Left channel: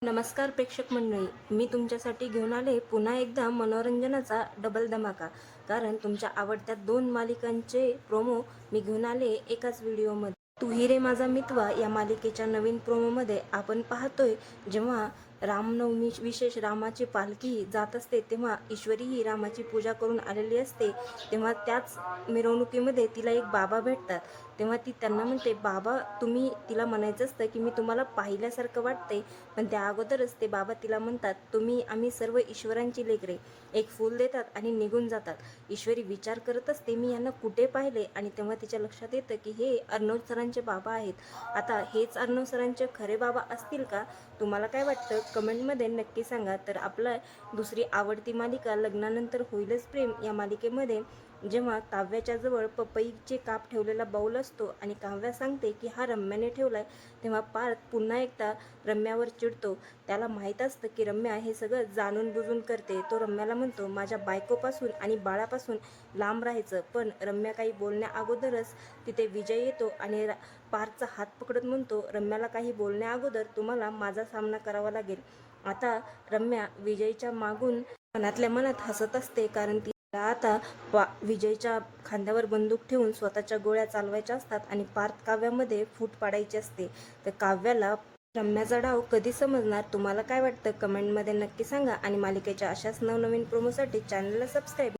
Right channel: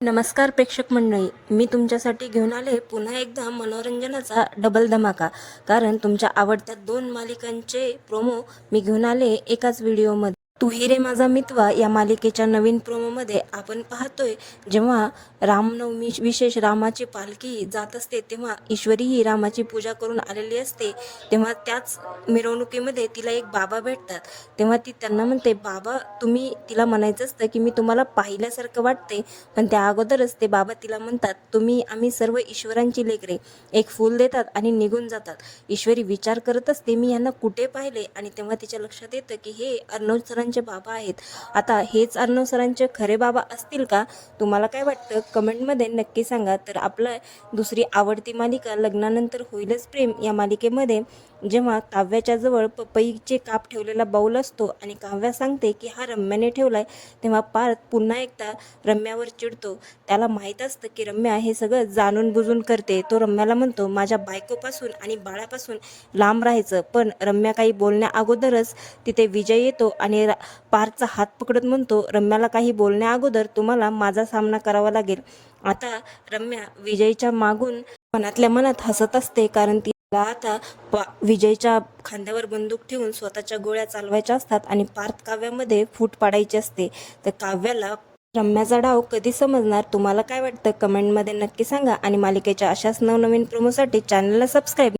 नमस्कार प्रेक्षक मंडळी, मी तुमच्यासाठी घेऊन आले पुन्हा एकदा मनोरंजनाचा डबल धमाका. कारण तुमच्या आवडत्या 2 मालिकांचे प्रोमो मी घेऊन आले एकाच व्हिडिओमध्ये. तू ही रे माझा मितवा या मालिकेच्या नवीन प्रोमोमध्ये आपण पाहतोय, जेव्हा रामनवमी विशेष रामाची पालखी जात असते तेव्हा ईश्वरी ही रामाची पूजा करून आलेली असते. तेव्हा त्याच मिरवणुकीमध्ये तिला एक बाबा भेटतात. तेव्हा ती त्यांना म्हणते, बाबा तुम्ही तिला म्हणायचं असतं की मी तुम्हाला पाहिल्यासारखं वाटते. पण त्या अगोदरच ते बाबा तिला म्हणतात, आम्ही सर्व ईश्वरांची लेकरे. एक फूल देतात आणि निघून जातात. ईश्वरी विचार करत असते, मी यांना कुठे पाहिले. आणि तेव्हा तिच्या लक्षात येतं की हे अर्णव सरांचे बाबा आहेत. आता हेच अर्णव सरांचे खरे बाबा असतील का? तुम्हाला काय वाटतं कमेंटमध्ये नक्की सांगा. तर आपलं दुसरी आवडती मालिका लग्नानंतर होईलच प्रेम या मालिकेमध्ये जेव्हा काव्याच्या जवळ पपईचे काप ठेवलेला बाऊल असतो आणि काव्या सांगते की हा रम्याने ठेवलाय, तेव्हा पार्थ पुन्हा एकदा रम्यावर चिडतो. त्याला माहीत असतं की रम्या हे सगळं जाणून बुजून करते. तो रम्याला म्हणतो, माझ्या बायकोपासून आणि बाळापासून लांब राहायचं. पण रम्या काही बोलण्या अगोदरच तिथे विजय येतो आणि पार्थचा हात पकडत म्हणतो, रम्याला काही बोलण्या अगोदर तुम्हाला माझा सामना करावा लागेल. आता रम्या विजयच्या मागून मनातल्या मनात हसत असते, कारण तिला आता विजयच्या खांद्यावर बंदूक ठेवून स्वतःच्या गोळ्या चालवायच्या असतात आणि पार्थ काव्यामध्ये फूट पाडायची असते. तर काव्याला रम्याचा डाव कधी समजणार? तुम्हाला काय वाटतं कमेंटमध्ये नक्की सांगा. आणि मालिकेच्या अशाच नवनवीन प्रोमोसाठी चॅनलला सबस्क्राईब